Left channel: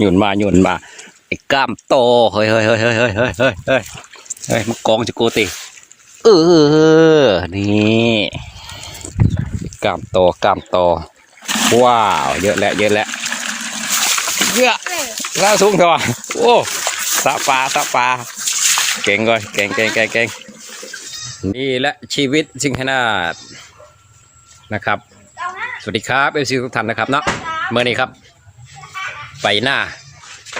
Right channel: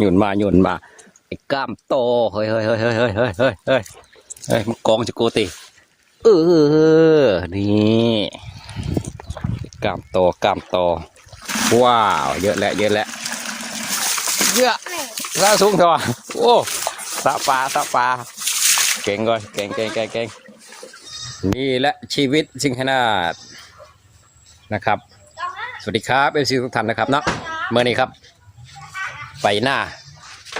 หยุนมาหยุนมาไอ้กล้ามโตเฮ้ยเฮ้ยเฮ้ยเฮ้ยเฮ้ยเฮ้ยเฮ้ยเฮ้ยเฮ้ยมากองจะโกติเออนี่กล้ามโตกล้ามโตว้าวเยอะแล้วเยอะแล้วเยอะแล้วสูงเท่าโอ้สะปลาสะปลาเก่งเลยเก่งเก่งเก่งเก่งนี่แหละชีวิตสิงขนาดนะครับ สวัสดีครับเอฟซีทุกท่านนะครับเนาะเมื่อนี้ครับ ไปหน้า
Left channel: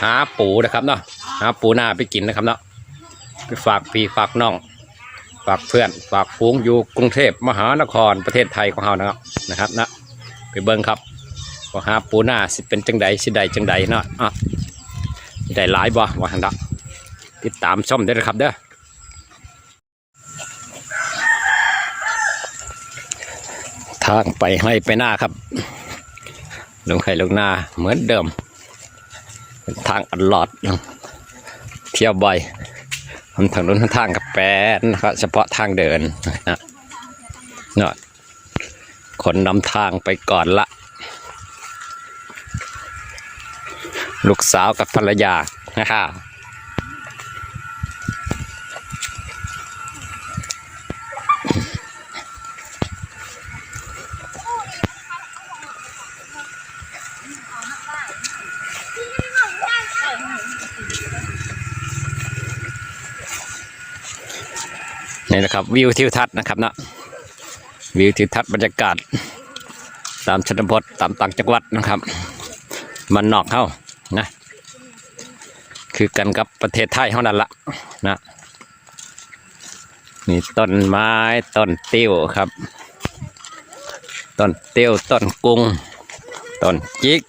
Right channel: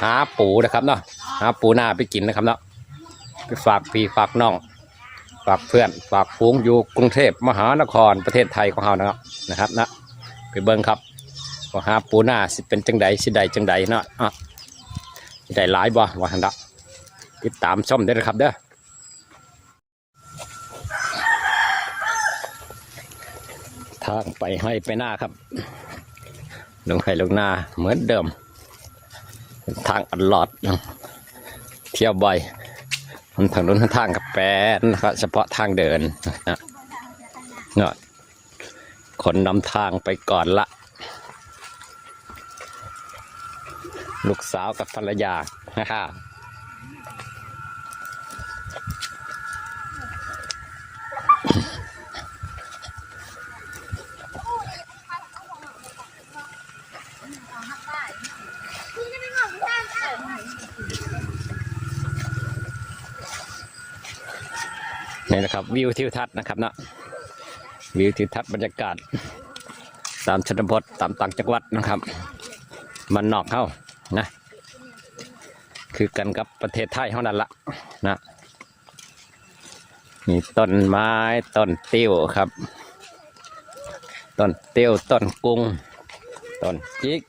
หาปูนะครับเนาะหาปูหน้าไปกินนะครับเนาะไปฝากพี่ฝากน้อง ฝากเพื่อนฝากฟูงอยู่กรุงเทพมหานครประเทศไทยของเรานะครับนะครับนะไปเบิ้งครับว่าหาปูหน้าสิเป็นจังใดสิใดจังใดเนาะอะได้หลายบ่ว่าหันละติดตามชมได้เลยครับเด้อทางไปให้ไปหน้าครับ ลงให้ลงหน้าเหมือนเดิม ทางอัดหลอดเที่ยวบ่อยมันทางนู้นทางกับแปดนะครับเฉพาะทางเดินนะเนาะขนนำทางไปก่อนละ ลูกสาวกับภรรยานะครับ นี่นะครับวิวทิวทัศน์นะครับนะวิวทิวทัศน์บรรยากาศ ตามชนบทตามต่างจังหวัดนะครับ มันนอกเข้านะคือกันกับประเทศไทยเท่านั้นละนะนี่ต้นไม้ต้นติ้วครับต้นเติ้ยวต้นกุ้งต้นจิก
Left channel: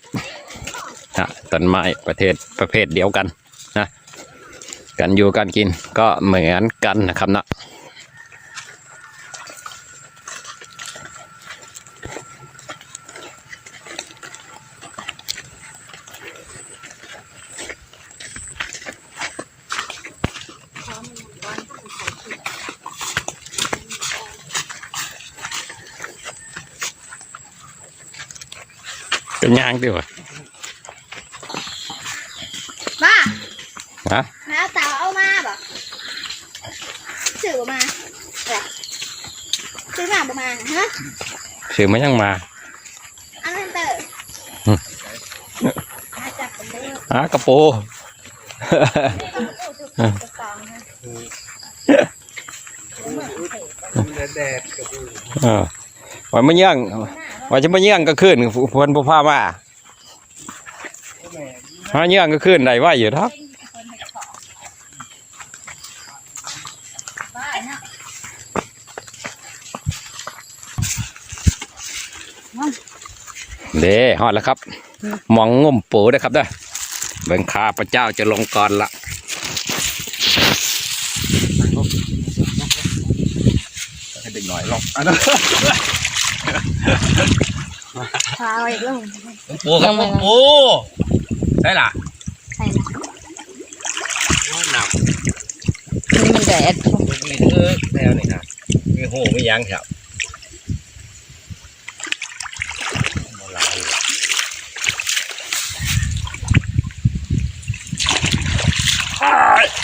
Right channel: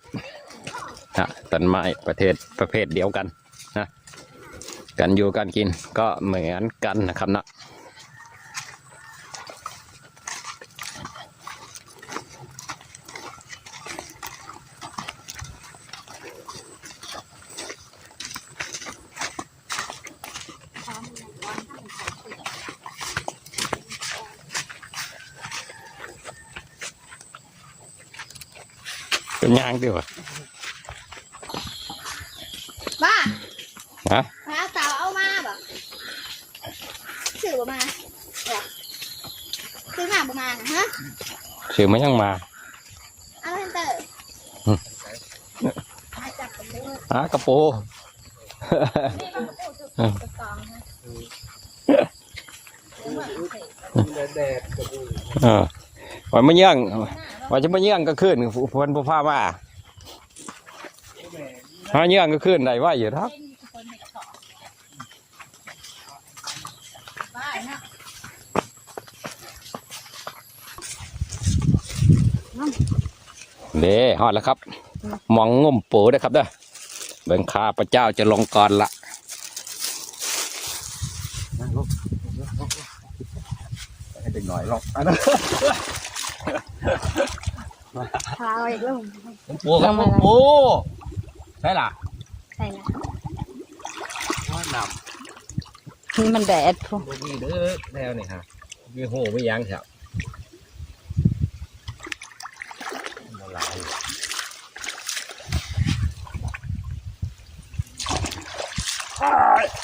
ฮะต้นไม้ประเทศประเภทเดียวกันนะการอยู่การกินก็เหมือนกันนะครับนะ เป็นยางดีวะบ้าฮะมาเอาเต่าเอามาบ่ซื้อบ่มาอะไรซื้อมาบ่มาฮะซื้อมายังมาอันนั้นเตอร์อืมมาจับผมได้หากระโปแดดกับอูอ่าว่ามันย่าง ว่าจะมาเย่างก็ขึ้นพวนผู้พามาหาเย่างก็ขึ้นได้ว่าอยู่ครับเด้ฮอดแล้วครับ มองง่มปูนะครับนะเบิ่งข้าพระเจ้าจะลงก่อนละให้เด็กหน่อยลองอันนั้น พาอีกแล้วปูครับปูใช่ล่ะใส่ละว่าหนักมันแดดมีเออแนวนี่นะมีหูมียังครับ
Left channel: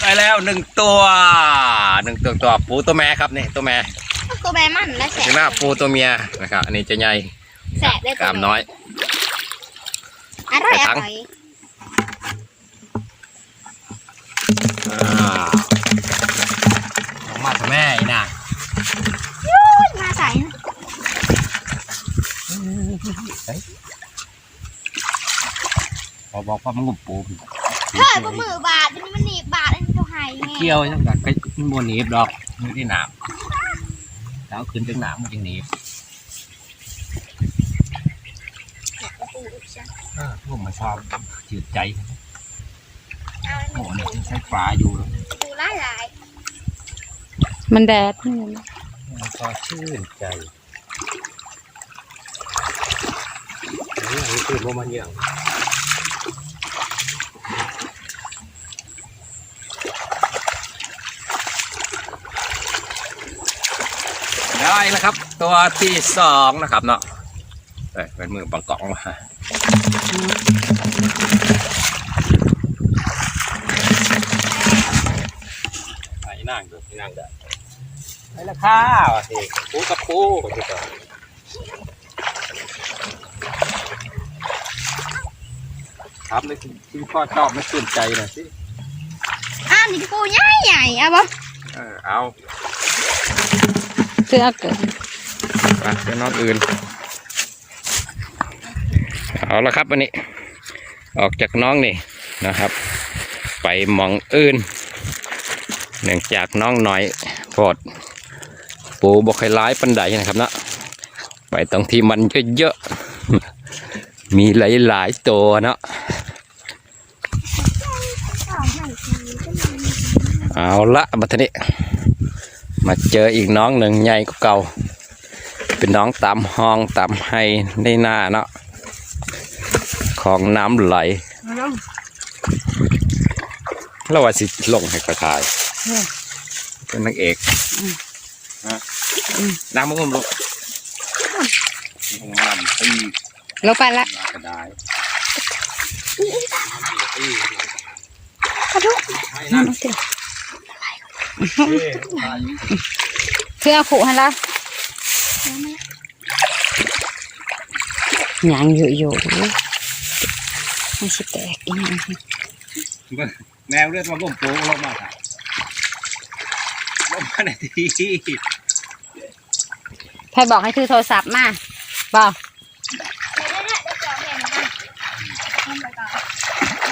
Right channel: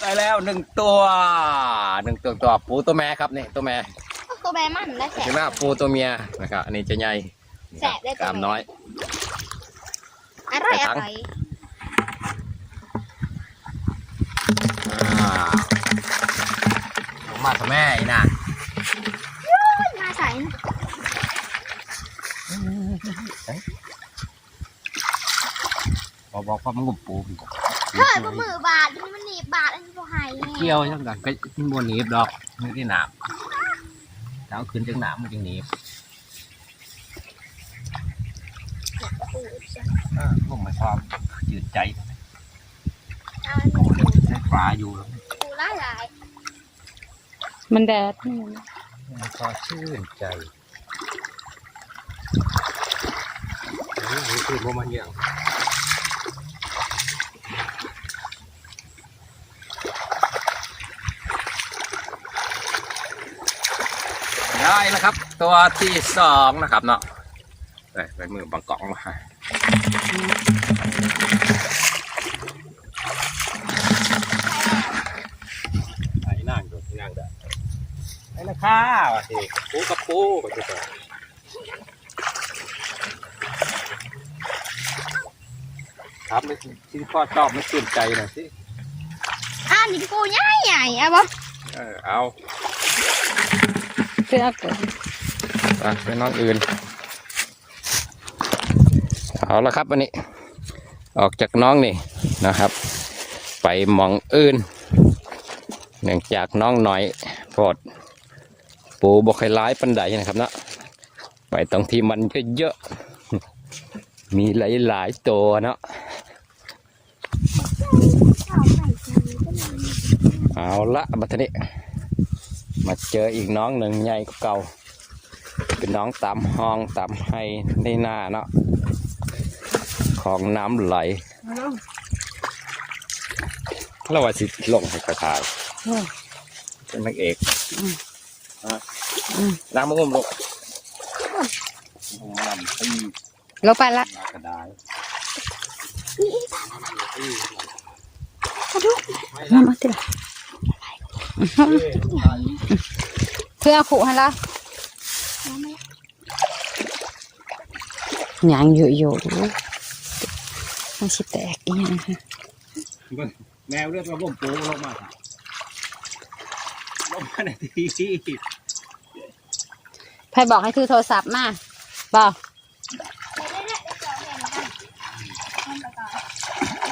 ได้แล้วหนึ่งตัวหนึ่งตัวตัวปูตัวแม่ครับนี่ตัวแม่ตัวแม่มันนะแสถึงหน้าปูตัวเมียนะครับอันนี้จะใหญ่ แสบได้กล้ามน้อย อร่อยอร่อยอ่าออกมากับแม่อีน่ะมาใส่บอกบอกว่ามันงุบปูเฮ้ยบนมือบาดมันหนีบบาดอันนี้ตัวไห้ไงเกี่ยวจังกัดก็มันบนหนีบดอกมันไม่ได้หนามแล้วขึ้นถึงหนามมันจะหนีบพวกมาช อบจืดใจใช้ฝาอยู่ดูหลายหลายมันแดดมันพอชื่นใจนี่อันนี้คือพวกมันเยอะได้แล้วครับ ตัวที่สองนะครับเนาะไปเป็นมือบังกล่องมา ไปนั่งดูนั่งได้ไปละข้าวอะสิปูกับปูไปดูก่อนครับไม่ที่พ่อชอบไม่ตื่นใจนะสิอ้าวนี่พี่ปูใหญ่ใหญ่เอาบ่เออเอาคือเอาเกิดไปเป็นน้องอื่น เอาละครับวันนี้ ออกจากน้องนี่นะครับ ไปหมองอื่น เนื่องจากน้องน้อยโปรดปูบอกให้ร้ายปันไดนะครับเนาะไปตรงที่มันเยอะๆมีหลายๆตัวเนาะเอาละบัดนี้ มาเจออีกน้องหนึ่งใหญ่กว่าเก่า เป็นน้องตามห้องตามให้ในหน้าเนาะ ของน้ำไหลแล้วว่าสิลงให้กระทายเป็นนางเอกฮะน้ำมันก็ลงลงน้ำตีลงไปละมากระไดายนั่นสิคือเอาขู่ให้ละหยังอยู่อยู่นะ มันสิแตกอีหยังแมวเลือดมันก็โผล่ลงมาครับลงมาในทีใครบอกให้ถือโทรศัพท์มาบอก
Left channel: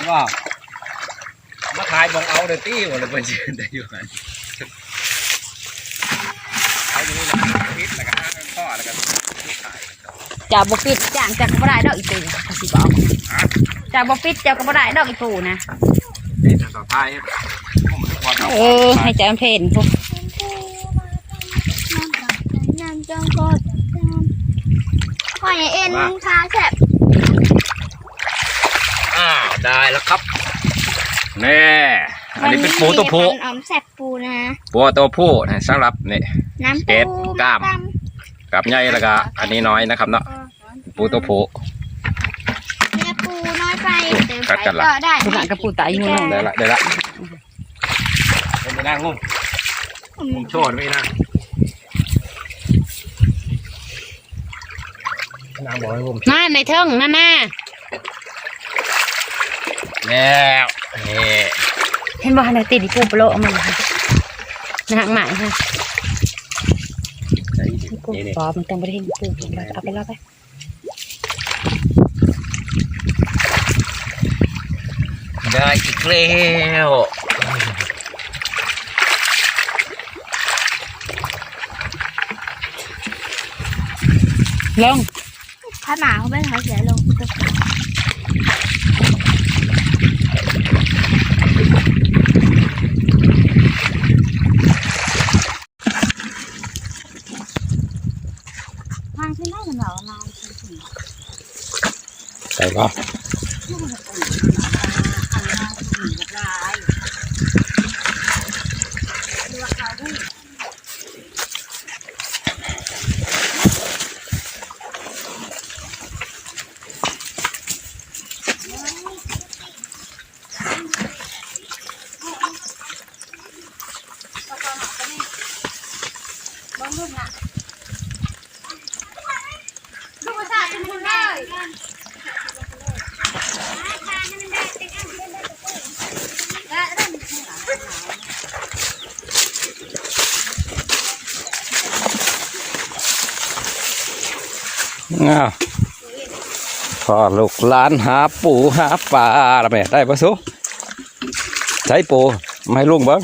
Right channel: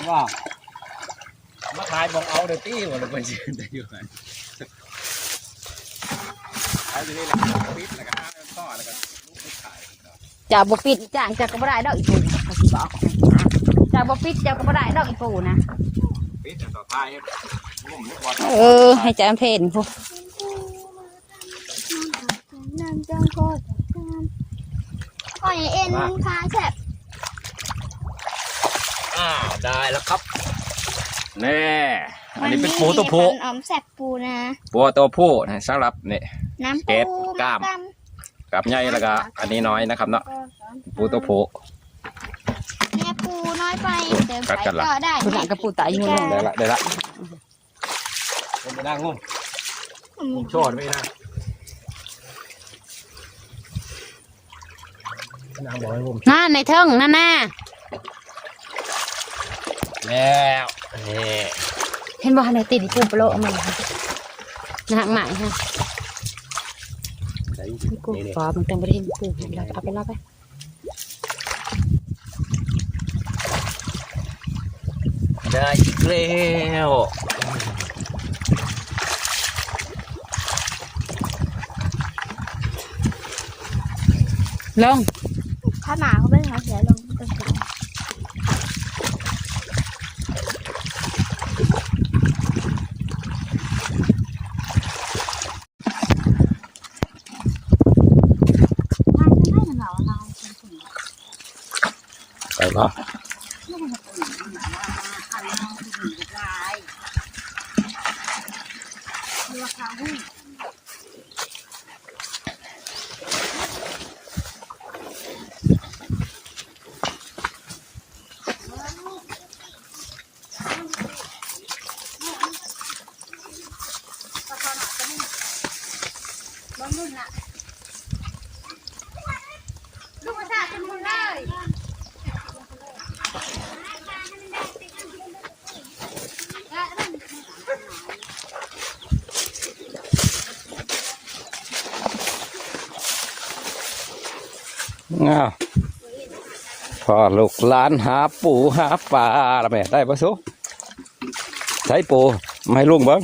ว่ามาขายบองเอาเดตี้หมดเลยเป็นยืนแต่อยู่กันเอาตรงนี้ละคิดแต่ก็อ้างข้อแล้วก็ขายจะบ่ปิดจ้างจะก็บ่ได้ดอกอีปู เขาสิบอกจะบ่ปิดจะก็บ่ได้ดอกอีปูนะนี่ต่อไปผมทุกวันเอาเออให้จำเพนพวกนางจังก็พ่อใหญ่เอ็นขาแฉบอ้าวได้แล้วครับแน่อันนี้เป็นปูตัวผู้ออมแฉบปูนะปูตัวผู้นะสำหรับนี่น้ำเจ็ปูดกล้ามกับใหญ่แล้วก็อันนี้น้อยนะครับเนาะปูตัวผู้ เนี่ยปูน้อยไปเติม กัดไปกันละก็ได้หลังกับปูตายอยู่นั่นได้ละได้ละเป็นไปนั่งงุ่มผมโชว์ไม่นั่งนั่งบอกให้งุ่มน่าในเทิงนั่นน่ะแล้วนี่เห็นบ่ในติดอีปูโปรเอามาค่ะนะฮะหมายค่ะนี่นี่ปอมันต้องไปเห็นปูเอาไปแล้วไป ได้อีกแล้วลงถ้าหมาเขาไม่เขาเสียลงตรงมันไม่ได้หรอเราใส่ก็ ง้าวพอลูกหลานหาปูหาปลาละแม่ได้ปะสุใช้ปูไม่ลุงบ้าง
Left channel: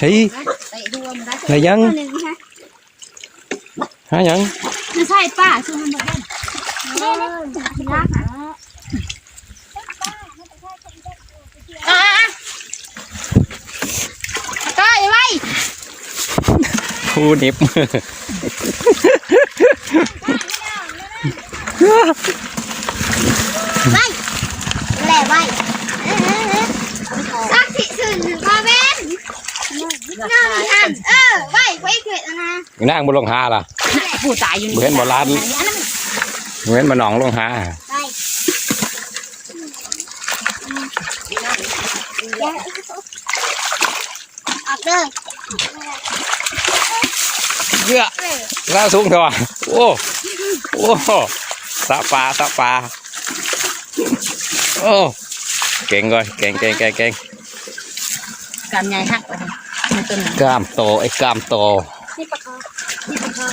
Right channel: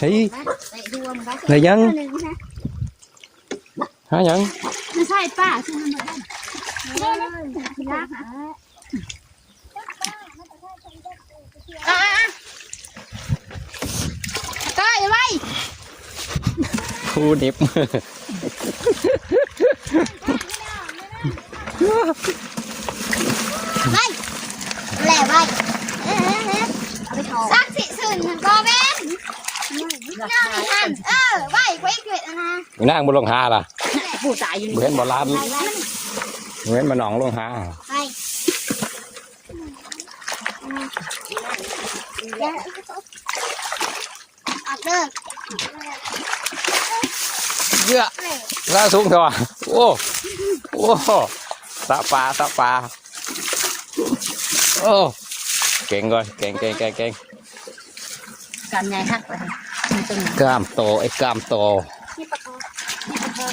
ทีเตะหัวมัน ได้ไหนยังหายังไม่ใช่ป้าชื่อมันบ่ได้รักอะป้าอย่าไว้คู่นิบ แหล่ไว้รักสิสื่นก็ เป็นนอนหันเออไว้ไว้เกิดนะนั่งบนลงหาล่ะเอผู้ตายอยู่เห็นโบราณเห็นมาหนองลงหาไปอย่าออกเลยเยอะล่าสูงเถอะโอ้โอ้สะปลาสะปลาโอ้เก่งเลยเก่งเก่งเก่งเก่งการใหญ่ฮักเลยใน ต้นกล้ามโตไอ้กล้ามโตนี่ปะคอนี่ปะคอ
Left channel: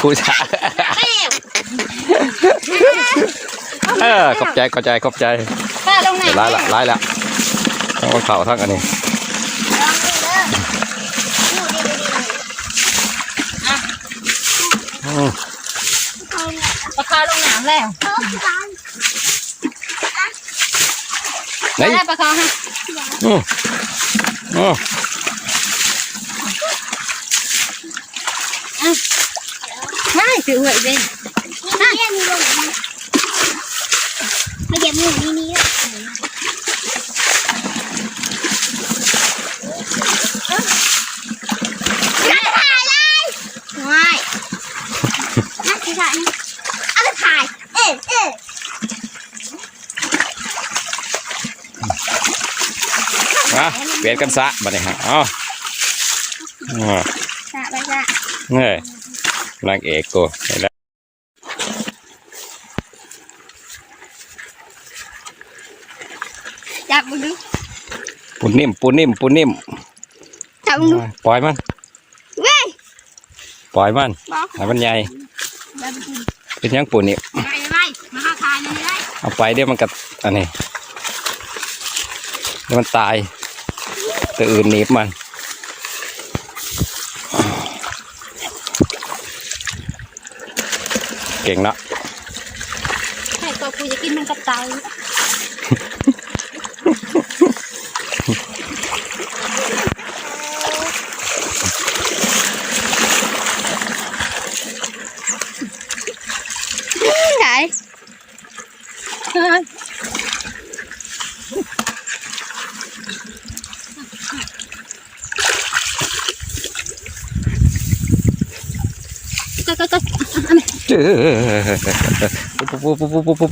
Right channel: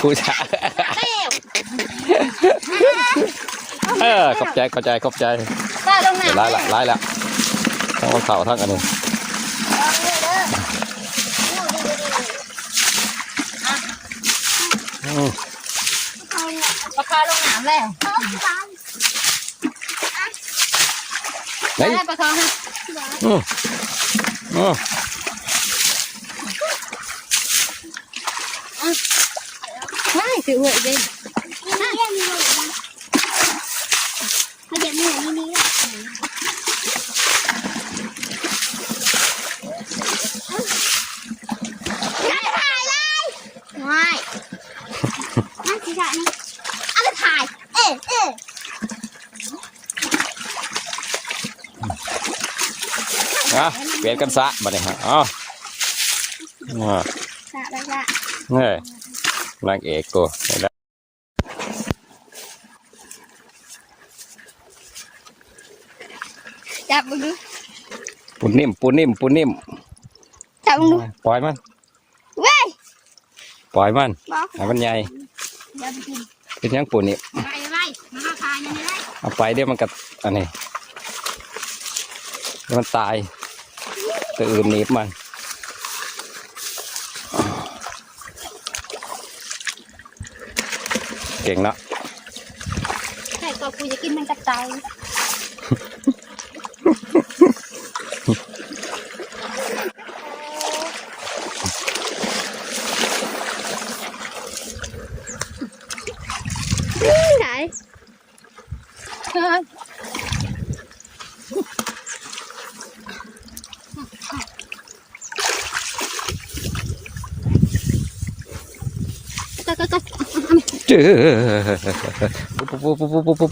ครูชาเออขอบใจขอบใจขอบใจข้าลงหนังร้ายละร้ายละทั้งเข่าทั้งอันนี้ลองเลยเด้อดูดีดูดีอืมเขาเนี่ยปลาคาลงน้ำแล้วเออฟังไหนได้ปลาคาฮะ à hai tự huệ bên hai bây giờ mua mini Ngoài. Mắt cái lại nữa. À, cái thải. Ê, ê. นะเปลี่ยนกันซะมาเลยฮะอ๋อ สะไปสะ เฮ้ยนางเอกกูเห็นแล้วจับมึงดูปูนิ่มปูนิ่มปูนิ่มจับมึงดูปล่อยมันเว้ยปล่อยมันบอกให้มันใหญ่อย่าไปกินเป็นหยังปูนี่ไปไปมาเข้าทายนี่ได้เอาไปเดี๋ยวมันกัอันนี้เดี๋ยวมันตายตัวอื่นหนีบมัน เก่งเนาะให้ตัวกูจะกินมันกระจายไหน ก็ก็ก็ ปูปูปูปูปู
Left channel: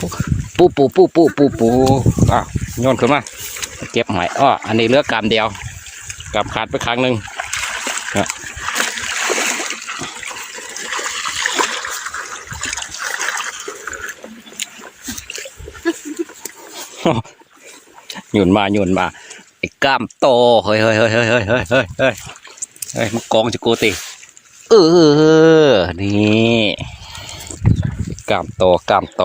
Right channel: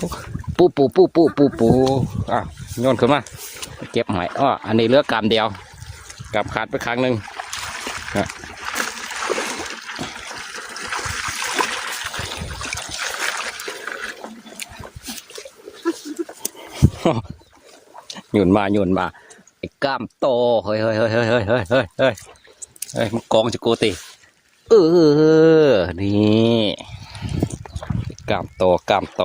ปูปูปูปูปูปูปูอะโยนขึ้นมาเก็บหอยอ้ออันนี้เลือกกามเดียวกามขาดไปครั้งหนึ่งหยุนมาหยุนมาไอ้กล้ามโตเฮ้ยเฮ้ยเฮ้ยเฮ้ยเฮ้ยเฮ้ยเฮ้ยเฮ้ยมันกองจะโกติเออนี่ กล้ามโตกล้ามโต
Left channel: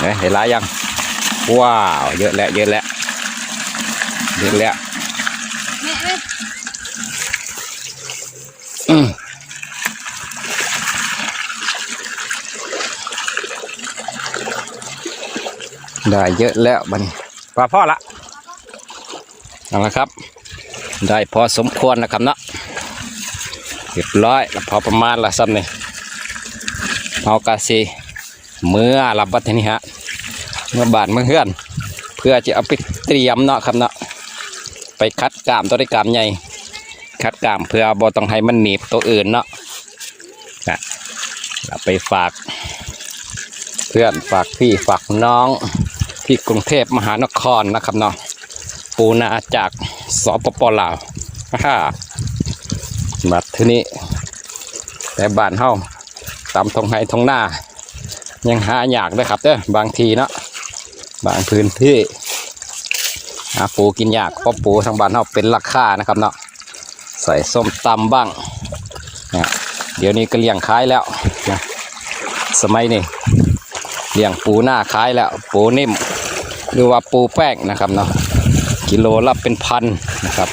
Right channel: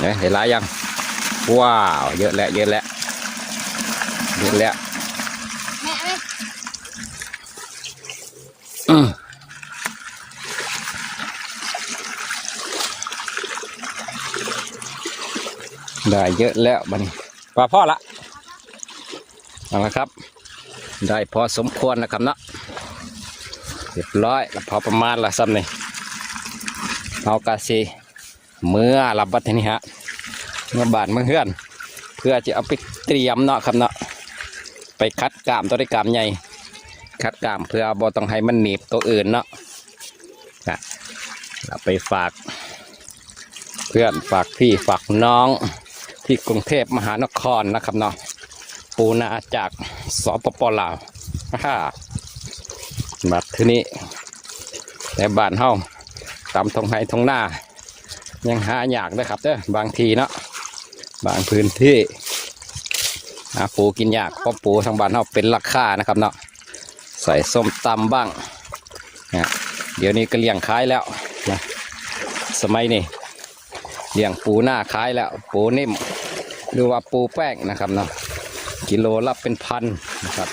เนี่ยเห็นลายยัง ว้าว เยอะแล้วเยอะแล้วเยอะแล้วแม่แม่อืมได้เยอะแล้วบัดนพอพ่อละเอาละครับ ได้พอสมควรนะครับเนาะ เรียบร้อยแล้วพอประมาณละซ้ำนี่เอากาซีเมื่อรับบัตรนี้ฮะเมื่อบาทเมื่อเฮือน เพื่อจะเอาไปเตรียมเนาะครับเนาะไปคัดกามตัวได้กามใหญ่คัดกามเพื่อบ่ต้องให้มันหนีบตัวอื่นเนาะนะเอาไปฝาก เพื่อนฝากพี่ฝากน้องที่กรุงเทพมหานครนะครับเนาะปูนาจากสปปลาวฮ่า บัดที่นี้แต่บ้านเฮาตามทงไห้ทงหน้า ยังหายากด้วยครับเด้อบางทีเนาะบางพื้นที่หาปูกินยากเพราะปูทางบ้านเฮาเป็นราคานะครับเนาะใส่ส้มตำบ้างนะเดี๋ยวนี้ก็เลี้ยงขายแล้วนะสมัยนี้เลี้ยงปูหน้าขายแล้วปูนิ่มหรือว่าปูแป้งนะครับเนาะกิโลละเป็นพันนะครับ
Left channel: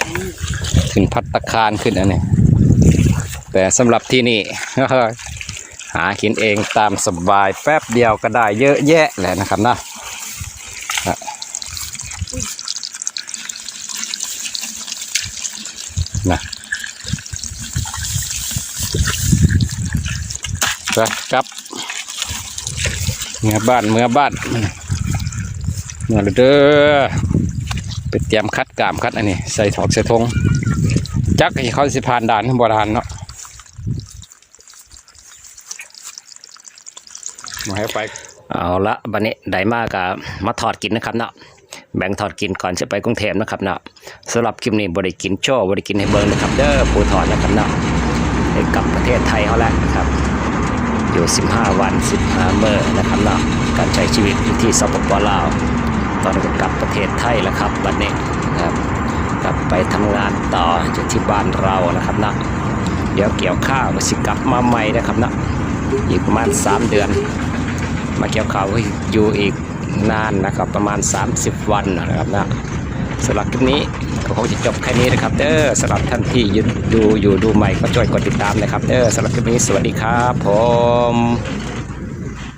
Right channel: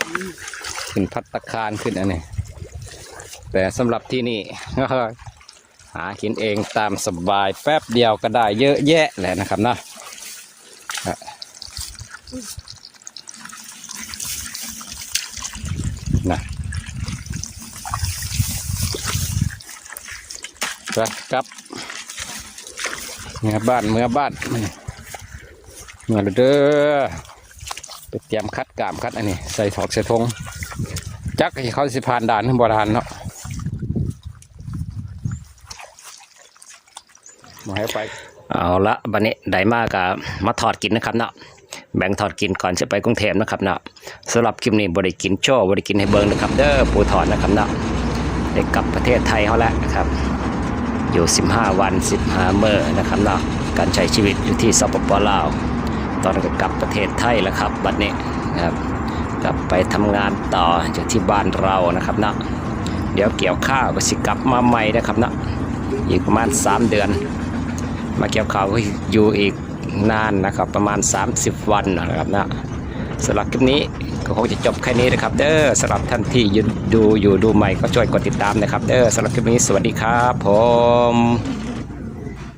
ขึ้นพัตตาคารขึ้นอันนี้ แต่สำหรับที่นี่ หากินเองตามสบายแป๊บเดียวก็ได้เยอะแยะแหละนะครับนาะนะครับเมื่อบ้านเมื่อบ้านมาเด้อไปเตรียมคัดกามคัดอันนี้ ใส่ถอกใส่ทงจักให้เขาสิผ่านด่านบ่ทันเนาะมาให้ไป เอาละบันนี้ได้มากกับมาถอดกินนะครับเนาะแบ่งถอดกินก่อนจะไปกรุงเทพนะครับเนาะสำหรับคลิปนี้บริกินโชว์บริกินให้เบิ้งนะครับ เด้อปูถอดนะครับเนาะได้กลับประเทศไทยเขาแล้วนะครับ อยู่ 15 วัน 15 เมื่อนะครับเนาะการใช้ชีวิตอยู่ที่สปปลาว ตอนก็กลับประเทศไทยแล้วครับบัดนี้นะครับกลับไปทำงานต่อจากที่บ้านเรานะครับเนาะเดี๋ยวเกี่ยวข้าวก็สิกลับมาใหม่นะครับเนาะอีกประมาณ 3 เดือน มาเกี่ยวข่าวก็อยู่อีกนานนะครับ ประมาณ 30 วันนะครับนะสำหรับคลิปนี้ก็คงจะจบแค่นี้นะครับ เด้อสำหรับท่านที่อยู่ดูอยู่ดูใหม่ก็ช่วยกดติดตามนะครับ เด้อสำหรับคลิปนี้สวัสดีครับผม